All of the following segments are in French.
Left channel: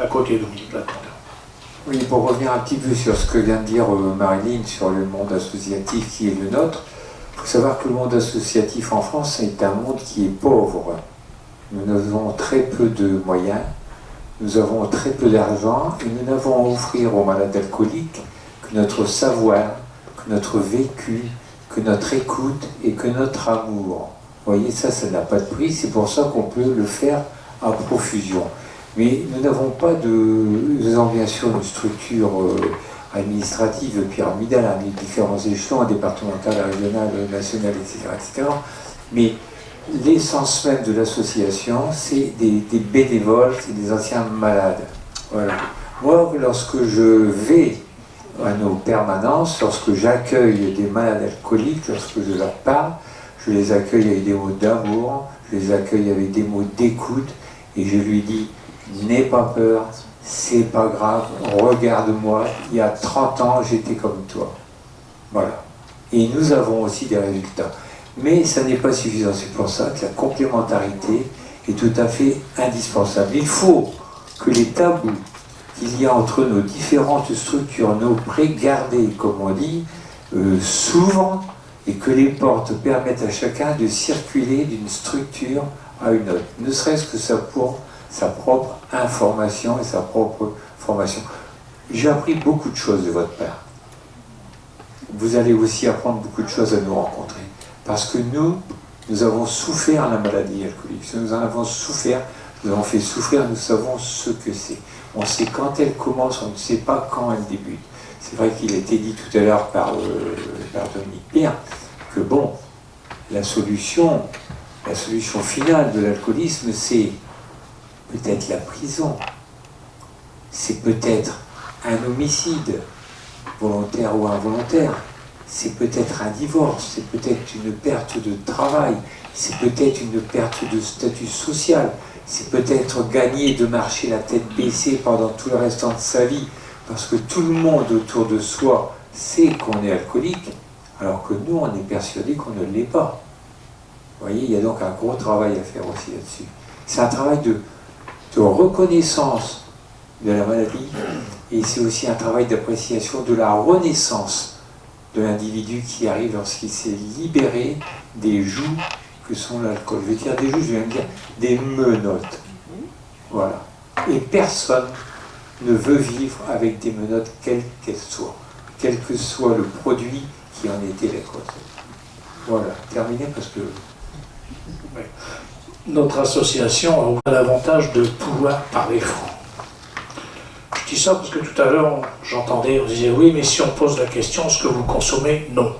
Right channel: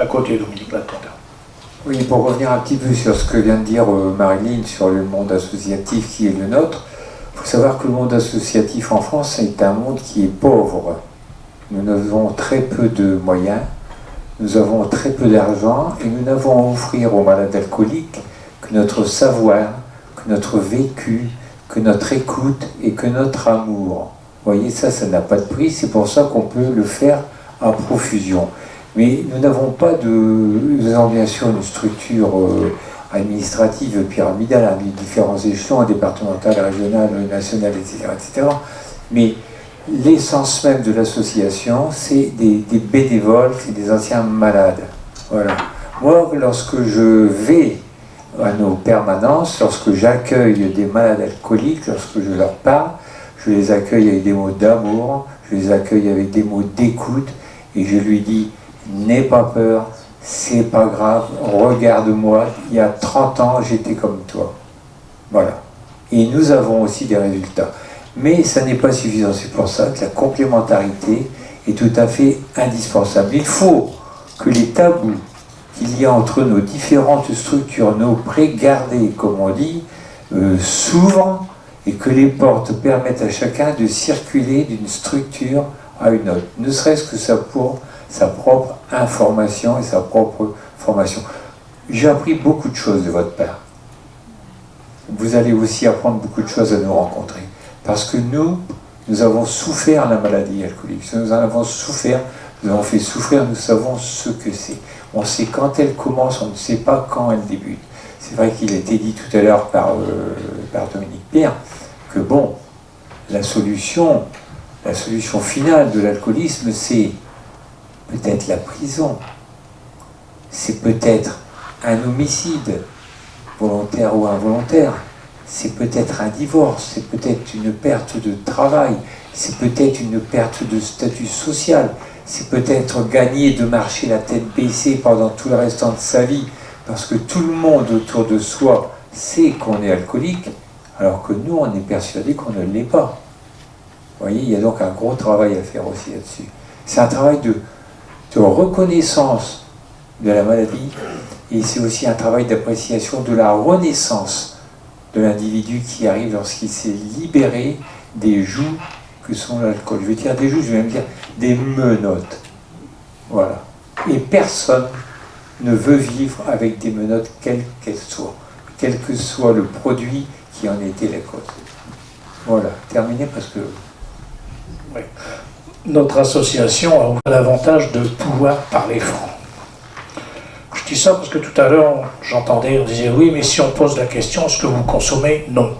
à côté de Dominique Latendin. Oui, pour revenir un petit peu sur ce que vient de dire Marilyn sur le monde associatif qui est le nôtre, il faut savoir que le monde associatif en France est un monde qui est pauvre. Nous avons très peu de moyens, nous avons très peu d'argent et nous n'avons à offrir aux malades alcooliques que notre savoir, que notre vécu, que notre écoute et que notre amour. Vous voyez, ça n'a pas de prix, c'est pour ça qu'on peut le faire à profusion. Mais nous n'avons pas nous avons bien sûr une structure administrative pyramidale, hein, les différents échelons, départemental, régional, national, etc., etc. Mais l'essence même de l'association, c'est des bénévoles, c'est des anciens malades. Voilà. Moi, lorsque je vais à nos permanences, lorsque j'accueille des malades alcooliques, lorsque je leur parle, je les accueille avec des mots d'amour, je les accueille avec des mots d'écoute, et je lui dis: n'aie pas peur, c'est pas grave, regarde-moi, il y a 30 ans, j'étais comme toi. Voilà. Et nous avons aussi des résultats. Mais ça n'est pas suffisant, c'est pour ça que la complémentarité est tout à fait indispensable. Il faut que les tabous qu'il y a entre nos différentes structures, nos pré-gardés, comme on dit, s'ouvrent et que les portes permettent à chacun de circuler d'une structure à une autre, ne serait-ce que ça pour sa propre information et sa propre formation. J'ai appris beaucoup de choses de votre part. Vous allez aussi apprendre beaucoup de choses à nous rencontrer. Parce que nous avons souffert la maladie alcoolique. Nous en avons souffert, nous avons fait souffrir, nous savons ce que c'est. On sait quand elle commence, on ne sait pas quand elle débute. C'est vrai qu'il a été dit tout à l'heure par Dominique Pierre que bon, la solution finale de l'alcoolisme, c'est peut-être la prison, c'est peut-être un homicide, volontaire ou involontaire, c'est peut-être un divorce, c'est peut-être une perte de travail, c'est peut-être une perte de statut social, c'est peut-être gagner de marcher la tête baissée pendant tout le restant de sa vie, parce que tout le monde autour de soi sait qu'on est alcoolique, alors que nous, on est persuadé qu'on ne l'est pas. Vous voyez, il y a donc un gros travail à faire aussi là-dessus. C'est un travail de reconnaissance de la maladie, et c'est aussi un travail d'appréciation de la renaissance de l'individu qui arrive lorsqu'il s'est libéré des joues que sont l'alcool. Je vais dire des joues, je vais même dire des menottes. Voilà. Et personne ne veut vivre avec des menottes, quelles qu'elles soient, quel que soit le produit qui en était la cause. Voilà, terminé parce que... Oui. Notre association a l'avantage de pouvoir parler franc. Je dis ça parce que tout à l'heure, j'entendais, on disait oui, mais si on pose la question, est-ce que vous consommez? Non.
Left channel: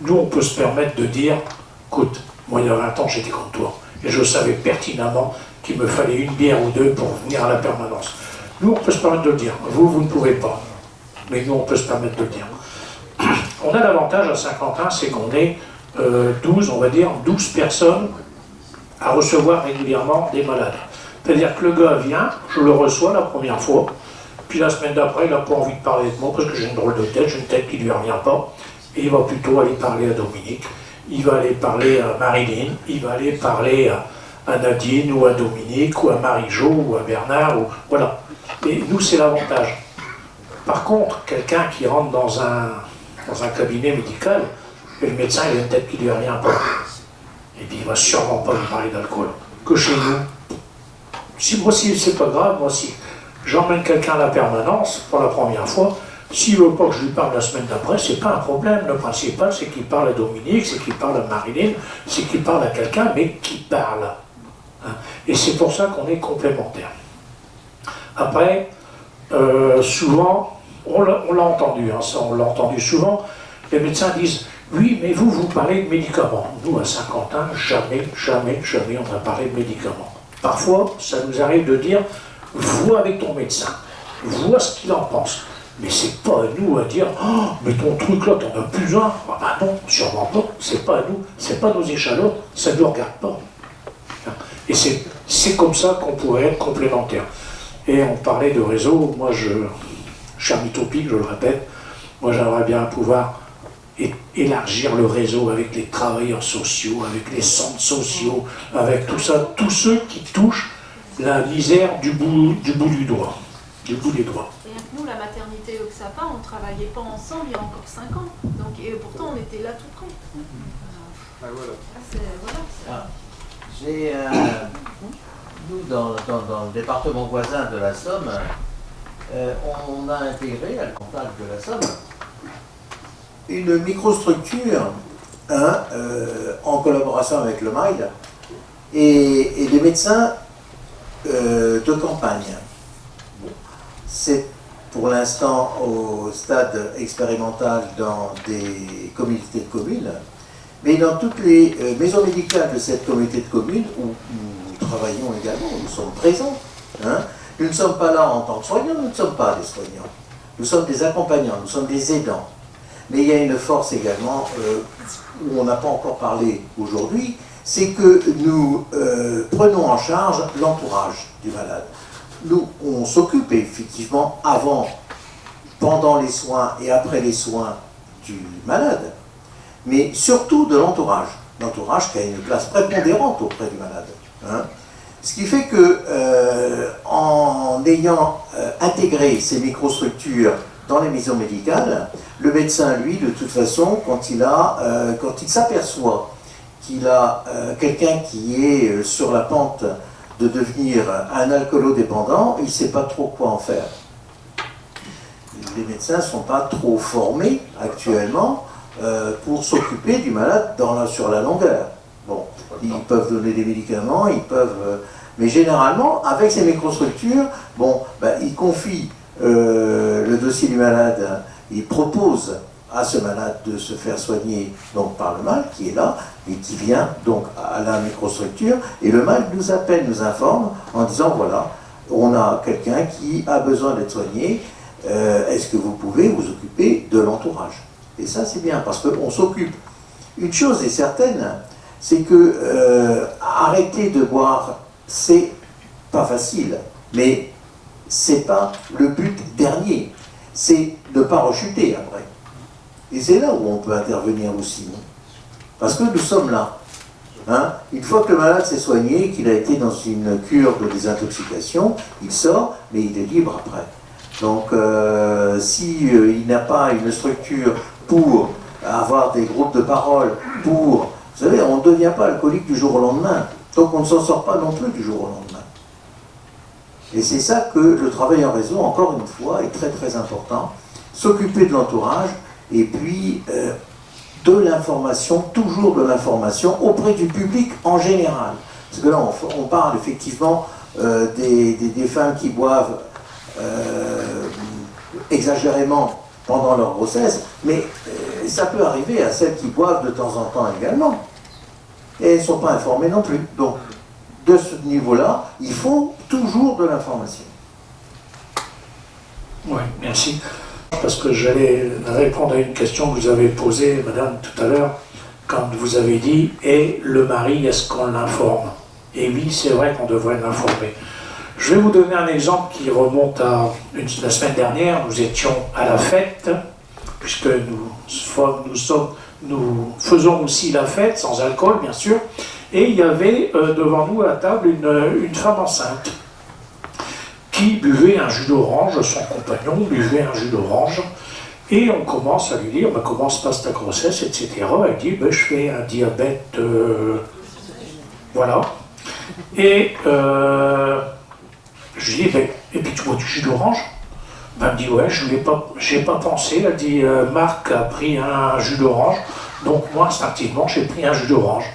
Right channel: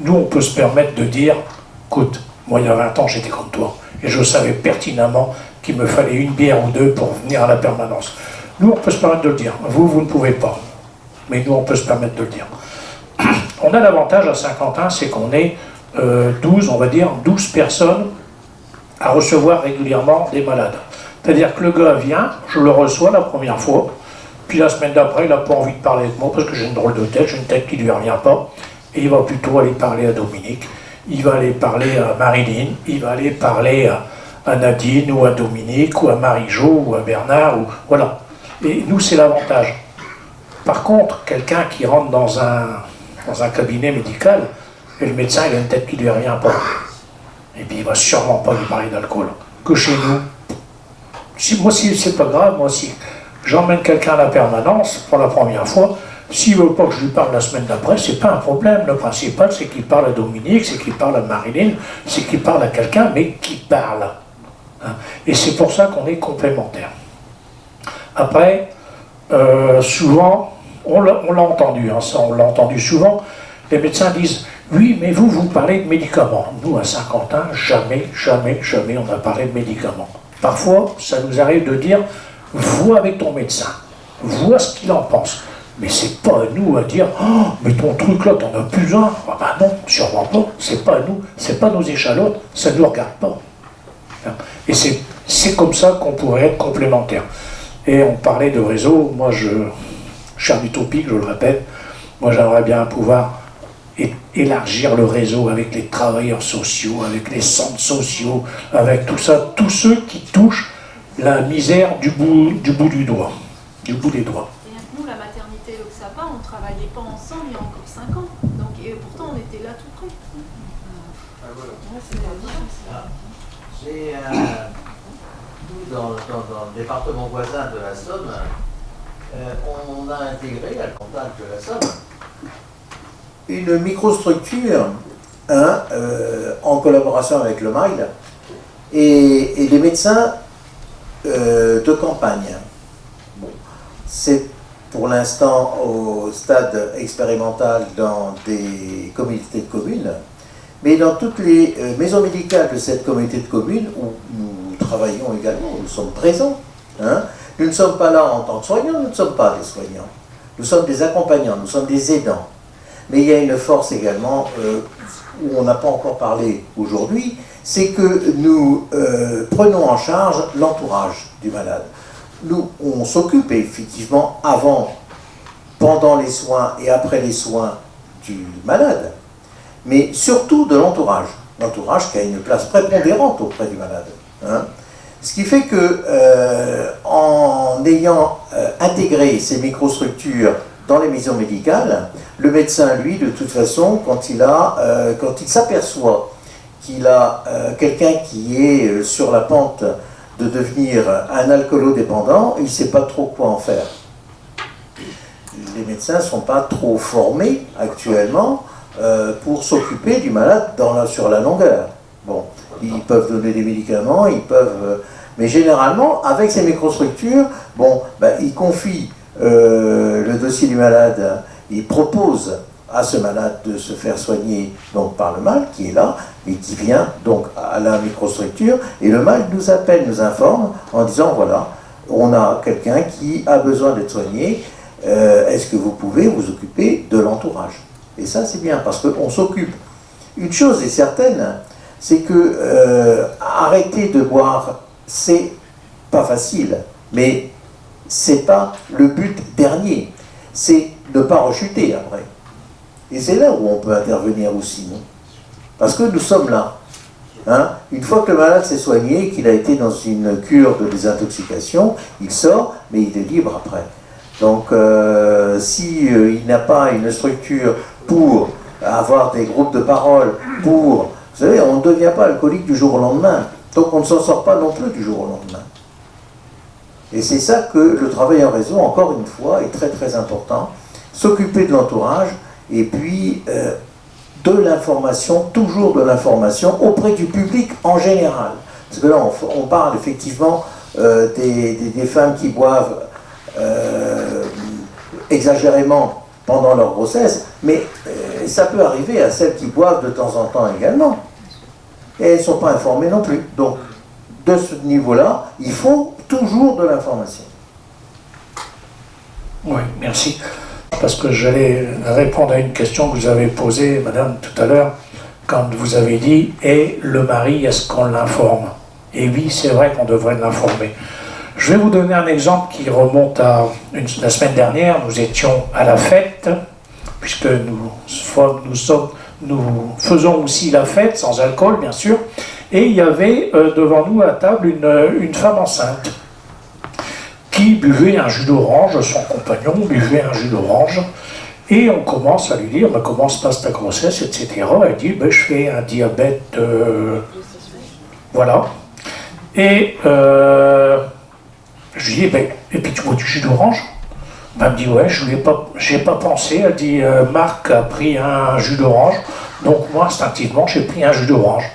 Nous, on peut se permettre de dire, écoute, moi il y a 20 ans, j'étais comme toi, et je savais pertinemment qu'il me fallait une bière ou deux pour venir à la permanence. Nous, on peut se permettre de le dire. Vous ne pouvez pas. Mais nous, on peut se permettre de le dire. On a l'avantage à Saint-Quentin, c'est qu'on est 12, on va dire, 12 personnes à recevoir régulièrement des malades. C'est-à-dire que le gars vient, je le reçois la première fois, puis la semaine d'après, il n'a pas envie de parler de moi parce que j'ai une drôle de tête, j'ai une tête qui ne lui revient pas, et il va plutôt aller parler à Dominique, il va aller parler à Marilyn, il va aller parler à Nadine, ou à Dominique, ou à Marie-Jo, ou à Bernard, ou voilà. Et nous, c'est l'avantage. Par contre, quelqu'un qui rentre dans un cabinet médical, et le médecin, il a une tête qui ne lui revient pas. Et puis il ne va sûrement pas lui parler d'alcool. Que chez nous, moi, si c'est pas grave, moi, si j'emmène quelqu'un à la permanence pour la première fois, s'il ne veut pas que je lui parle la semaine d'après, c'est pas un problème. Le principal, c'est qu'il parle à Dominique, c'est qu'il parle à Marilyn, c'est qu'il parle à quelqu'un, mais qui parle. Hein. Et c'est pour ça qu'on est complémentaires. Après, souvent, on l'a entendu, hein, ça, on l'a entendu souvent, les médecins disent « Oui, mais vous parlez de médicaments. » Nous, à Saint-Quentin, jamais on a parlé de médicaments. Parfois, ça nous arrive de dire « Vois avec ton médecin, vois ce qu'il en pense. » Mais c'est pas à nous à dire « Oh, mais ton truc là, t'en as plus un. » Ah ben non, sûrement pas, c'est pas à nous, c'est pas nos échalotes, ça ne nous regarde pas. Et c'est comme ça qu'on pourrait être complémentaires. Et on parlait de réseau, moi je suis un utopique, je le répète, moi j'aimerais bien pouvoir élargir le réseau avec les travailleurs sociaux, avec les centres sociaux, avec tout ça, tous ceux qui touchent la misère du bout du doigt, du bout des doigts. Et nous, la maternité et l'Oxapa, on ne travaillait pas ensemble il y a encore 5 ans. Donc, et pourtant, on était là tout près. Nous, dans le département voisin de la Somme, on a intégré à le contact de la Somme une microstructure en collaboration avec le MAIL et des médecins de campagne. Bon. C'est pour l'instant au stade expérimental dans des communautés de communes, mais dans toutes les maisons médicales de cette communauté de communes où nous travaillons également, nous sommes présents. Nous ne sommes pas là en tant que soignants, nous ne sommes pas des soignants. Nous sommes des accompagnants, nous sommes des aidants. Mais il y a une force également, où on n'a pas encore parlé aujourd'hui, c'est que nous prenons en charge l'entourage du malade. Nous, on s'occupe effectivement avant, pendant les soins et après les soins du malade, mais surtout de l'entourage. L'entourage qui a une place prépondérante auprès du malade. Ce qui fait que, en ayant intégré ces microstructures dans les maisons médicales, le médecin, lui, de toute façon, quand il s'aperçoit qu'il a quelqu'un qui est sur la pente de devenir un alcoolodépendant, il ne sait pas trop quoi en faire. Les médecins ne sont pas trop formés actuellement pour s'occuper du malade sur la longueur. Bon, ils peuvent donner des médicaments, mais généralement, avec ces microstructures, ils confient le dossier du malade, ils proposent à ce malade de se faire soigner donc, par le MAL qui est là, et qui vient donc à la microstructure, et le MAL nous appelle, nous informe en disant voilà, on a quelqu'un qui a besoin d'être soigné, est-ce que vous pouvez vous occuper de l'entourage? Et ça c'est bien, parce qu'on s'occupe. Une chose est certaine, c'est que arrêter de boire, c'est pas facile, mais c'est pas le but dernier, c'est ne pas rechuter après. Et c'est là où on peut intervenir aussi, parce que nous sommes là. Une fois que le malade s'est soigné, qu'il a été dans une cure de désintoxication, il sort, mais il est libre après. Donc, s'il n'a pas une structure pour avoir des groupes de parole, vous savez, on ne devient pas alcoolique du jour au lendemain, donc on ne s'en sort pas non plus du jour au lendemain. Et c'est ça que le travail en réseau, encore une fois, est très très important. S'occuper de l'entourage, et puis de l'information, toujours de l'information, auprès du public en général. Parce que là, on parle effectivement des femmes qui boivent exagérément pendant leur grossesse, mais ça peut arriver à celles qui boivent de temps en temps également. Et elles ne sont pas informées non plus. Donc, de ce niveau-là, il faut toujours de l'information. Oui, merci. Parce que j'allais répondre à une question que vous avez posée, madame, tout à l'heure, quand vous avez dit « Et le mari, est-ce qu'on l'informe ?» Et oui, c'est vrai qu'on devrait l'informer. Je vais vous donner un exemple qui remonte à la semaine dernière. Nous étions à la fête, puisque nous faisons aussi la fête, sans alcool bien sûr, et il y avait devant nous à table une femme enceinte qui buvait un jus d'orange, son compagnon buvait un jus d'orange, et on commence à lui dire « Comment se passe ta grossesse ?» etc. Elle dit « Je fais un diabète... Voilà. » Et je lui dis « Et puis tu bois du jus d'orange ?» Elle me dit « Ouais, je n'y ai pas pensé. » Elle dit « Marc a pris un jus d'orange, donc moi, instinctivement, j'ai pris un jus d'orange. »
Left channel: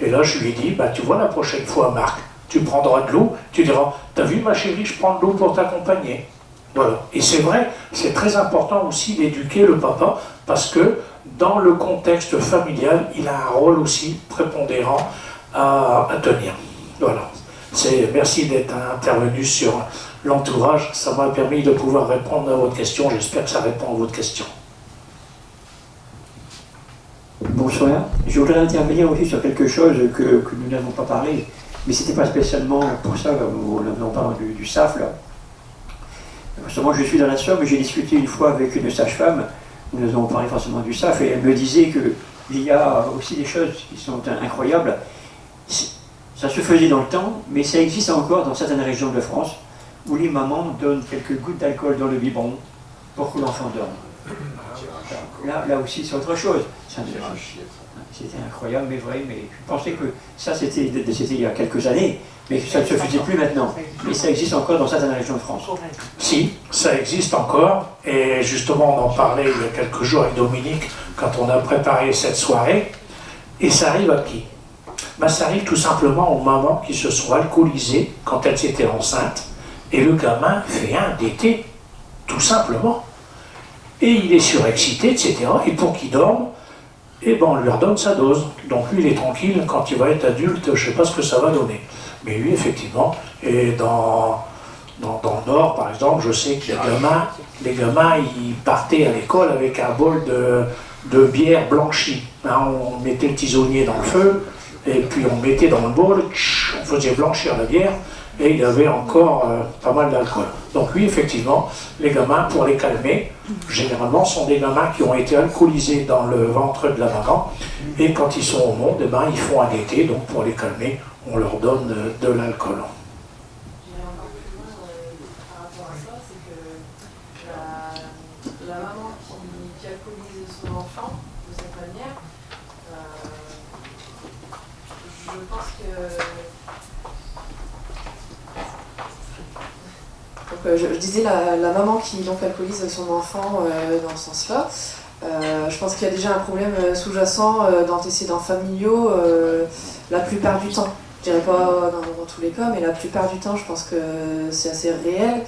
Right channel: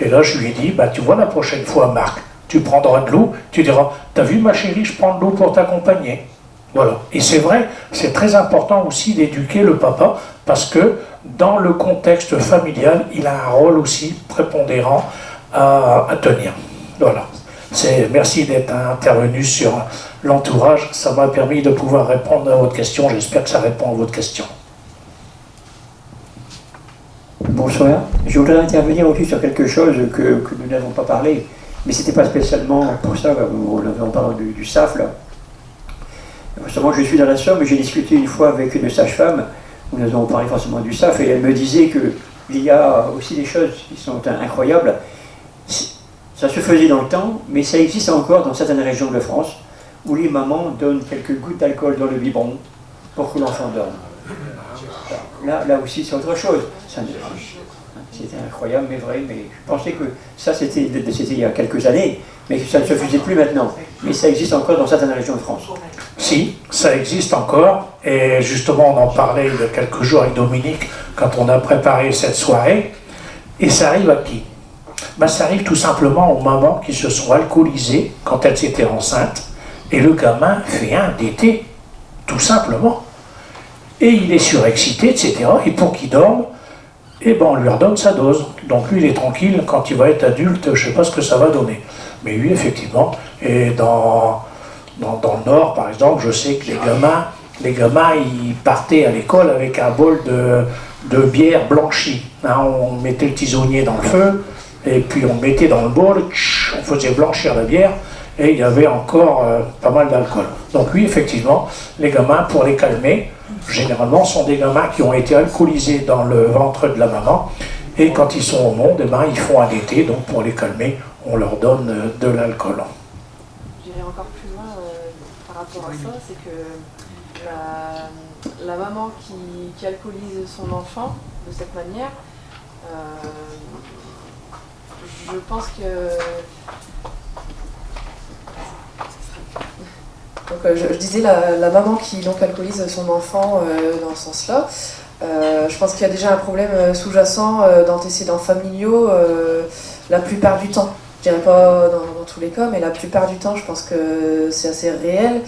Et là, je lui dis « Tu vois, la prochaine fois, Marc, tu prendras de l'eau, tu diras « T'as vu ma chérie, je prends de l'eau pour t'accompagner. » Voilà. Et c'est vrai, c'est très important aussi d'éduquer le papa, parce que dans le contexte familial, il a un rôle aussi prépondérant à tenir. Voilà. Merci d'être intervenu sur l'entourage, ça m'a permis de pouvoir répondre à votre question, j'espère que ça répond à votre question. Bonsoir, je voudrais intervenir aussi sur quelque chose que nous n'avons pas parlé. Mais c'était pas spécialement pour ça, on parle du SAF là. Moi je suis dans la Somme, j'ai discuté une fois avec une sage-femme, où nous avons parlé forcément du SAF, et elle me disait qu'il y a aussi des choses qui sont incroyables. Ça se faisait dans le temps, mais ça existe encore dans certaines régions de France, où les mamans donnent quelques gouttes d'alcool dans le biberon pour que l'enfant dorme. Là aussi, c'est autre chose. C'était incroyable, mais vrai. Mais je pensais que ça, c'était il y a quelques années, mais que ça ne se faisait plus maintenant. Mais ça existe encore dans certaines régions de France. Si, ça existe encore. Et justement, on en parlait il y a quelques jours avec Dominique, quand on a préparé cette soirée. Et ça arrive à qui? Ben, ça arrive tout simplement aux mamans qui se sont alcoolisées quand elles étaient enceintes. Et le gamin fait un DT, tout simplement. Et il est surexcité, etc. Et pour qu'il dorme, eh ben on lui redonne sa dose. Donc lui, il est tranquille. Quand il va être adulte, je ne sais pas ce que ça va donner. Mais lui, effectivement, et dans le Nord, par exemple, je sais que les gamins, ils partaient à l'école avec un bol de bière blanchie. Hein, on mettait le tisonnier dans le feu, et puis on mettait dans le bol, on faisait blanchir la bière, et il y avait encore pas mal d'alcool. Donc oui, effectivement, les gamins, pour les calmer, généralement, sont des gamins qui ont été alcoolisés dans le ventre de la maman, et quand ils sont au monde, eh ben, ils font un été, donc pour les calmer, on leur donne de l'alcool. J'irai encore plus loin par rapport à ça, c'est que la maman qui alcoolise son enfant de cette manière, je pense que... Donc, je disais la maman qui donc alcoolise son enfant dans ce sens-là. Je pense qu'il y a déjà un problème sous-jacent d'antécédents familiaux la plupart du temps. Je dirais pas dans tous les cas, mais la plupart du temps, je pense que c'est assez réel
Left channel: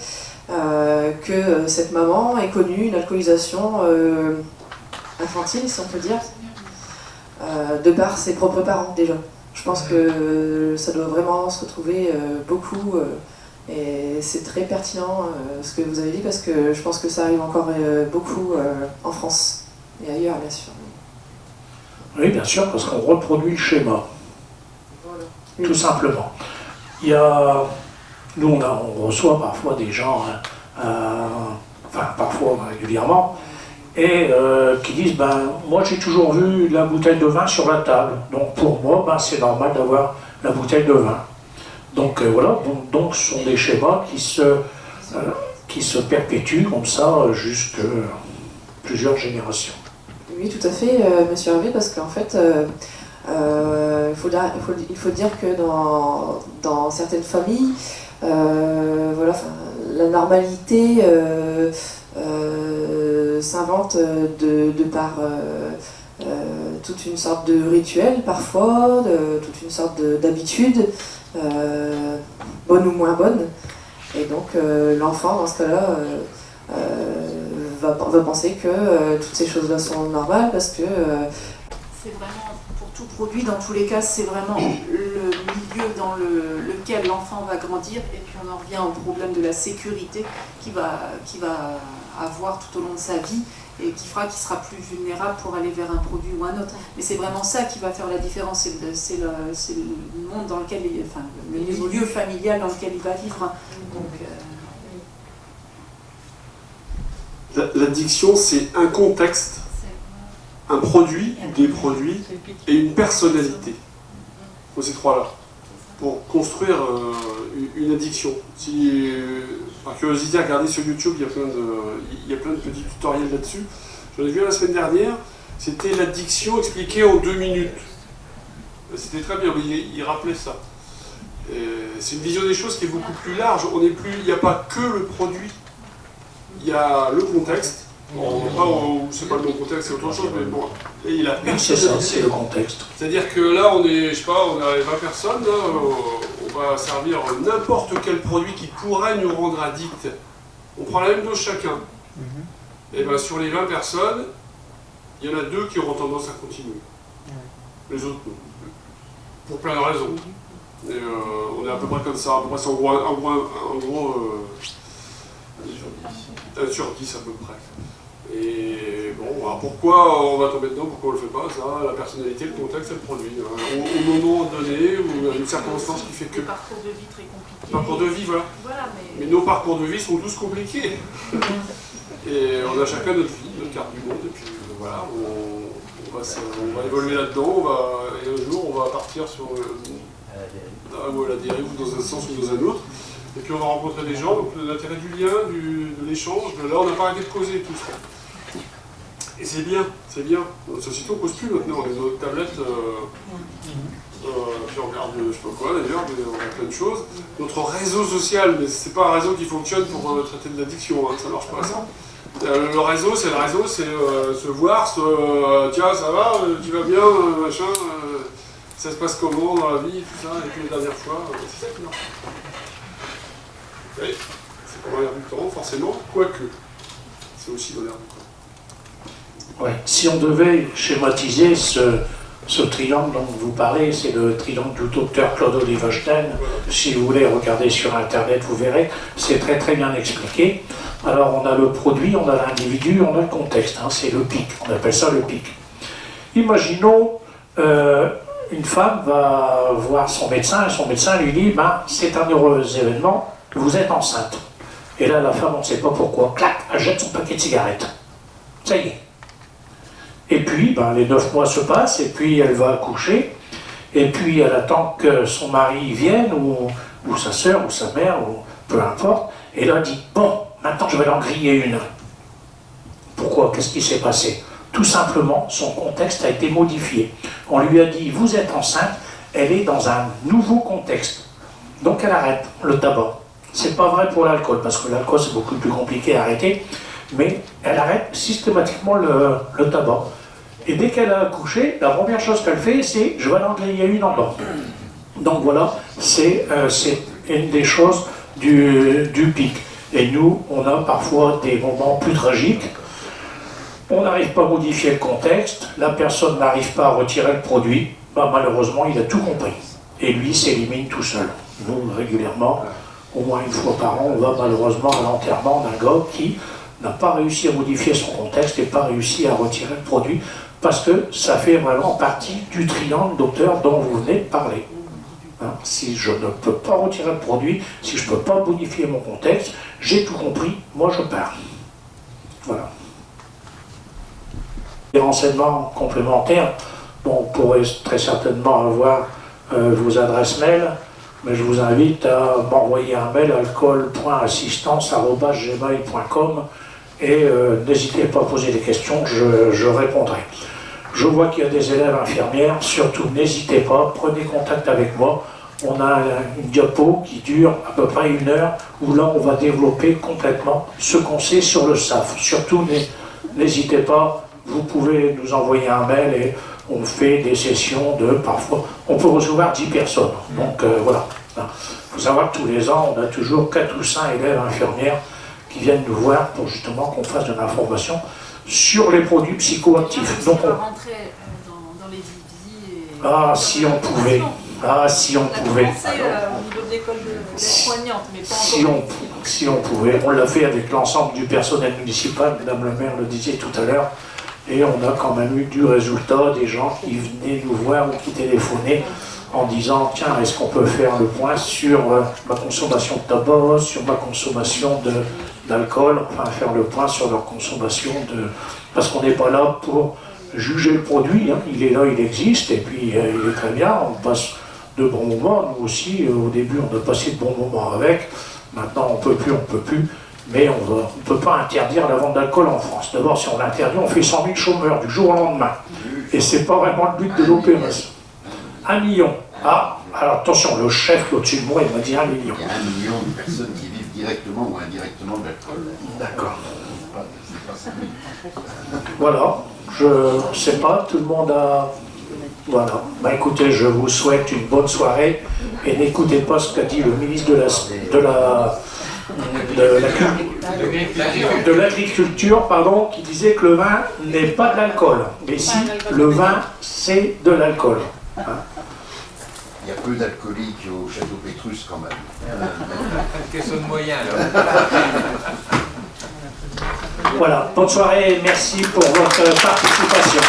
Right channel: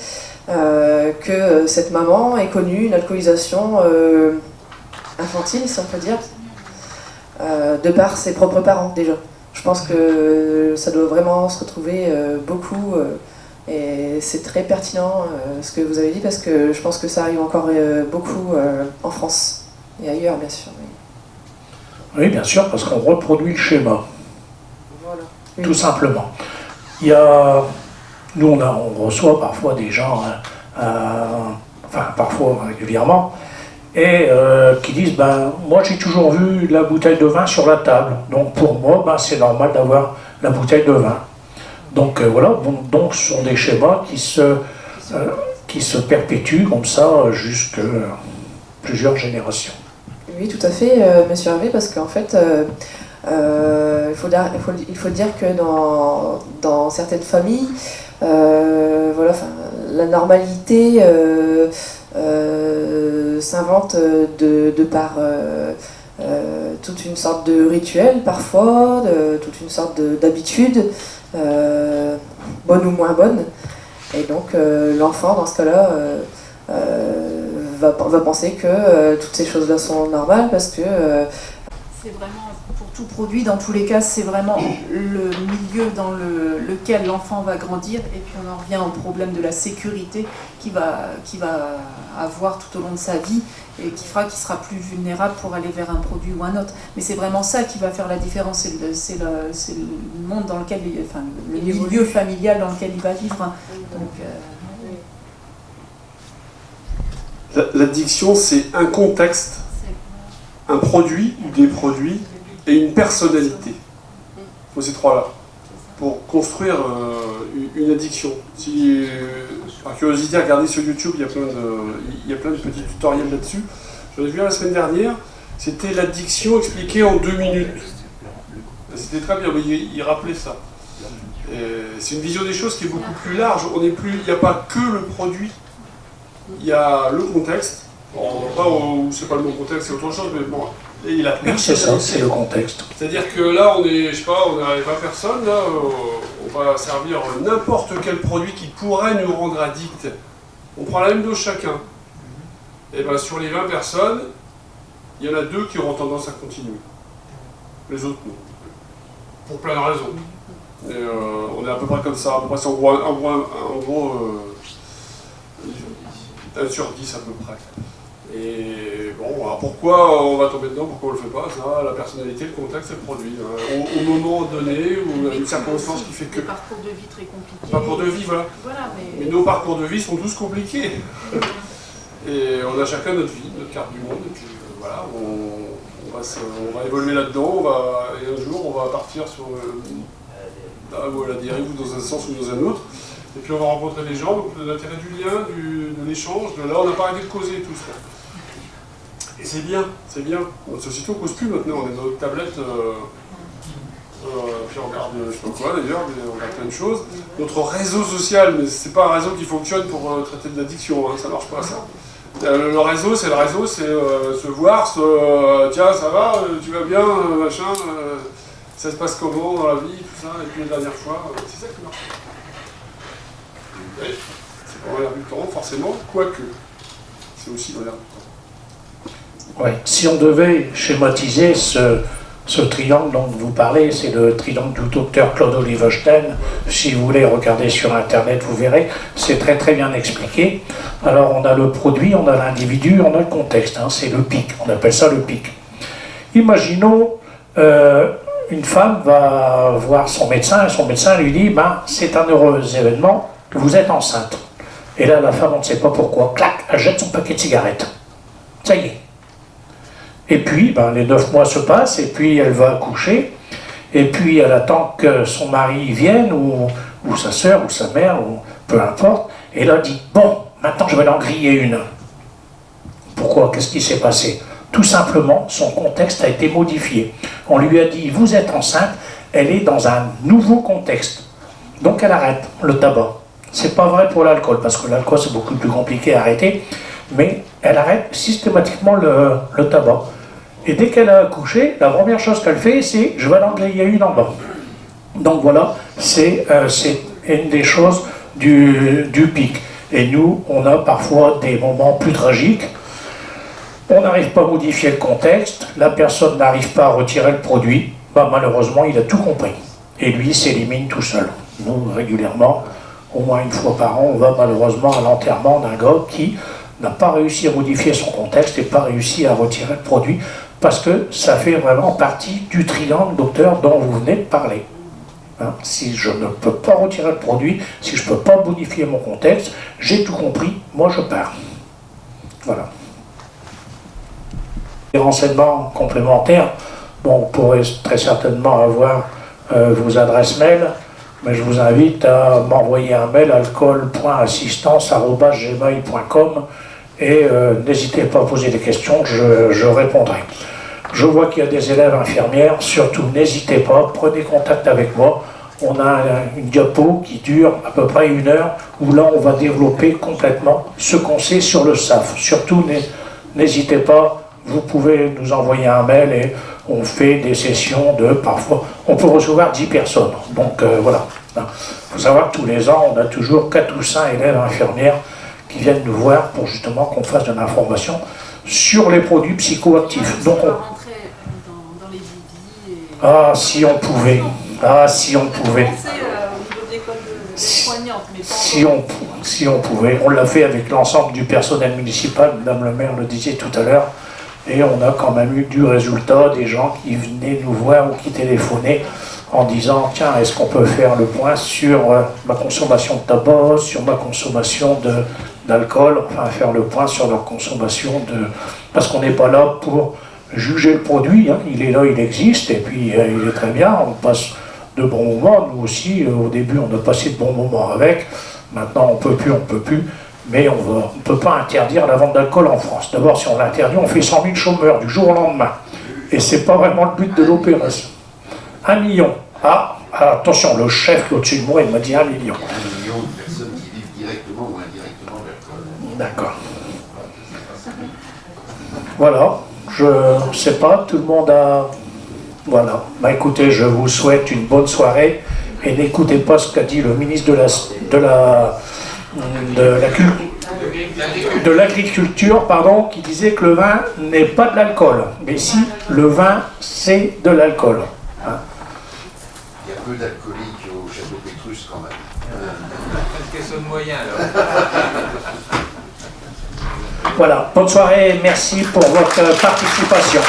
que cette maman ait connu une alcoolisation infantile, si on peut dire, de par ses propres parents déjà. Je pense que ça doit vraiment se retrouver beaucoup. Et c'est très pertinent ce que vous avez dit, parce que je pense que ça arrive encore beaucoup en France et ailleurs, bien sûr. Oui, bien sûr, parce qu'on reproduit le schéma, Voilà. tout simplement. Il y a, nous, on reçoit parfois des gens, enfin parfois régulièrement, et qui disent, ben, moi j'ai toujours vu la bouteille de vin sur la table, donc pour moi, ben, c'est normal d'avoir la bouteille de vin. Donc voilà, donc ce sont des schémas qui se perpétuent comme ça jusque plusieurs générations. Oui, tout à fait, monsieur Hervé, parce qu'en fait, il faut dire que dans certaines familles, voilà, la normalité s'invente de par toute une sorte de rituel parfois, toute une sorte d'habitude, bonne ou moins bonne. Et donc l'enfant, dans ce cas-là, va penser que toutes ces choses-là sont normales, parce que... C'est vraiment, pour tout produit, dans tous les cas, c'est vraiment le milieu dans lequel l'enfant va grandir, et puis on en revient au problème de la sécurité qu'il va avoir tout au long de sa vie, et qui fera qu'il sera plus vulnérable pour aller vers un produit ou un autre. Mais c'est vraiment ça qui va faire la différence, c'est le monde dans lequel, enfin, le milieu familial dans lequel il va vivre. Donc, l'addiction, c'est un contexte, un produit ou des produits et une personnalité. Il faut ces trois-là pour construire une addiction. Si, par curiosité, regardez sur YouTube, il y a plein de petits tutoriels là-dessus. J'en ai vu un la semaine dernière, c'était l'addiction expliquée en 2 minutes. C'était très bien, mais il rappelait ça. C'est une vision des choses qui est beaucoup plus large. Il n'y a pas que le produit, il y a le contexte. C'est pas le bon contexte, c'est autre chose, mais bon. Et la C'est ça, c'est le contexte. C'est-à-dire que là, on est, je sais pas, on est 20 personnes, là, on va servir n'importe quel produit qui pourrait nous rendre addicts. On prend la même dose chacun. Et bien sur les 20 personnes, il y en a 2 qui auront tendance à continuer. Les autres non. Pour plein de raisons. Et, on est à peu près comme ça, à peu près, c'est en gros 1 sur 10 à peu près. Et bon, alors pourquoi on va tomber dedans, pourquoi on le fait pas, ça, la personnalité, le contexte et le produit. Au moment donné, où il y a une circonstance qui fait que... des parcours de vie très compliqués. Parcours de vie, voilà. Mais nos parcours de vie sont tous compliqués. Et on a chacun notre vie, notre carte du monde, et puis voilà, on va évoluer là-dedans, et un jour on va partir sur la dérive ou dans un sens ou dans un autre. Et puis on va rencontrer des gens, donc l'intérêt du lien, de l'échange, de là on n'a pas arrêté de causer tout ça. Et c'est bien, c'est bien. Notre société on ne cause plus maintenant, on est dans notre tablette, puis on regarde je sais pas quoi d'ailleurs, mais on regarde plein de choses. Notre réseau social, mais c'est pas un réseau qui fonctionne pour traiter de l'addiction, hein, ça marche pas ça. Le réseau, c'est se voir, tiens ça va, tu vas bien, machin, ça se passe comment dans la vie, tout ça, et puis la dernière fois, c'est ça qui marche. Oui, c'est pas l'air du temps, forcément, quoique. C'est aussi l'air du temps. Ouais. Si on devait schématiser ce triangle dont vous parlez, c'est le triangle du docteur Claude Oliver Stein. Si vous voulez regarder sur Internet, vous verrez, c'est très très bien expliqué. Alors on a le produit, on a l'individu, on a le contexte, hein, c'est le pic, on appelle ça le pic. Imaginons, une femme va voir son médecin et son médecin lui dit c'est un heureux événement, vous êtes enceinte. Et là la femme, on ne sait pas pourquoi, clac, elle jette son paquet de cigarettes. Ça y est. Et puis, les 9 mois se passent, et puis elle va accoucher, et puis elle attend que son mari vienne, ou sa sœur, ou sa mère, ou peu importe, et là elle dit, bon, maintenant je vais l'en griller une. Pourquoi? Qu'est-ce qui s'est passé? Tout simplement, son contexte a été modifié. On lui a dit, vous êtes enceinte, elle est dans un nouveau contexte. Donc elle arrête le tabac. C'est pas vrai pour l'alcool, parce que l'alcool c'est beaucoup plus compliqué à arrêter, mais elle arrête systématiquement le tabac. Et dès qu'elle a accouché, la première chose qu'elle fait, c'est « je vais l'en griller une en bas ». Donc voilà, c'est une des choses du pic. Et nous, on a parfois des moments plus tragiques. On n'arrive pas à modifier le contexte, la personne n'arrive pas à retirer le produit, malheureusement, il a tout compris. Et lui s'élimine tout seul. Nous, régulièrement, au moins une fois par an, on va malheureusement à l'enterrement d'un gars qui n'a pas réussi à modifier son contexte et pas réussi à retirer le produit, parce que ça fait vraiment partie du triangle, docteur, dont vous venez de parler. Hein, si je ne peux pas retirer le produit, si je ne peux pas modifier mon contexte, j'ai tout compris, moi je pars. Voilà. Des renseignements complémentaires, vous pourrez très certainement avoir vos adresses mail, mais je vous invite à m'envoyer un mail à alcool.assistance@gmail.com et n'hésitez pas à poser des questions, je répondrai. Je vois qu'il y a des élèves infirmières, surtout n'hésitez pas, prenez contact avec moi. On a une diapo qui dure à peu près 1 heure, où là on va développer complètement ce qu'on sait sur le SAF. Surtout n'hésitez pas, vous pouvez nous envoyer un mail et on fait des sessions de parfois, on peut recevoir 10 personnes. Donc voilà. Il faut savoir que tous les ans, on a toujours 4 ou 5 élèves infirmières qui viennent nous voir pour justement qu'on fasse de l'information sur les produits psychoactifs. Donc, on peut rentrer dans les vies et... Ah, si on pouvait. Ah, si on pouvait. On a commencé au niveau de l'école d'aide-soignante, mais pas si on pouvait. On l'a fait avec l'ensemble du personnel municipal, Madame le maire le disait tout à l'heure, et on a quand même eu du résultat, des gens qui venaient nous voir ou qui téléphonaient en disant « Tiens, est-ce qu'on peut faire le point sur ma consommation de tabac, sur ma consommation d'alcool ?» Enfin, faire le point sur leur consommation de... Parce qu'on n'est pas là pour juger le produit, hein. Il est là, il existe, et puis il est très bien, on passe de bons moments. Nous aussi, au début, on a passé de bons moments avec. Maintenant, on peut plus, mais on ne peut pas interdire la vente d'alcool en France. D'abord, si on l'interdit, on fait 100 000 chômeurs du jour au lendemain. Et c'est pas vraiment le but de l'opération. 1 million. Ah, alors attention, le chef qui est au-dessus de moi, il m'a dit 1 million. Il y a 1 million de personnes qui vivent directement ou indirectement de l'alcool. D'accord. Voilà, je sais pas, tout le monde a... Voilà. Écoutez, je vous souhaite une bonne soirée et n'écoutez pas ce qu'a dit le ministre de l'agriculture, pardon, qui disait que le vin n'est pas de l'alcool. Mais si, le vin, c'est de l'alcool. Hein? Il y a peu d'alcooliques au château Pétrus quand même. Une question de moyens alors. Voilà, bonne soirée et merci pour votre participation.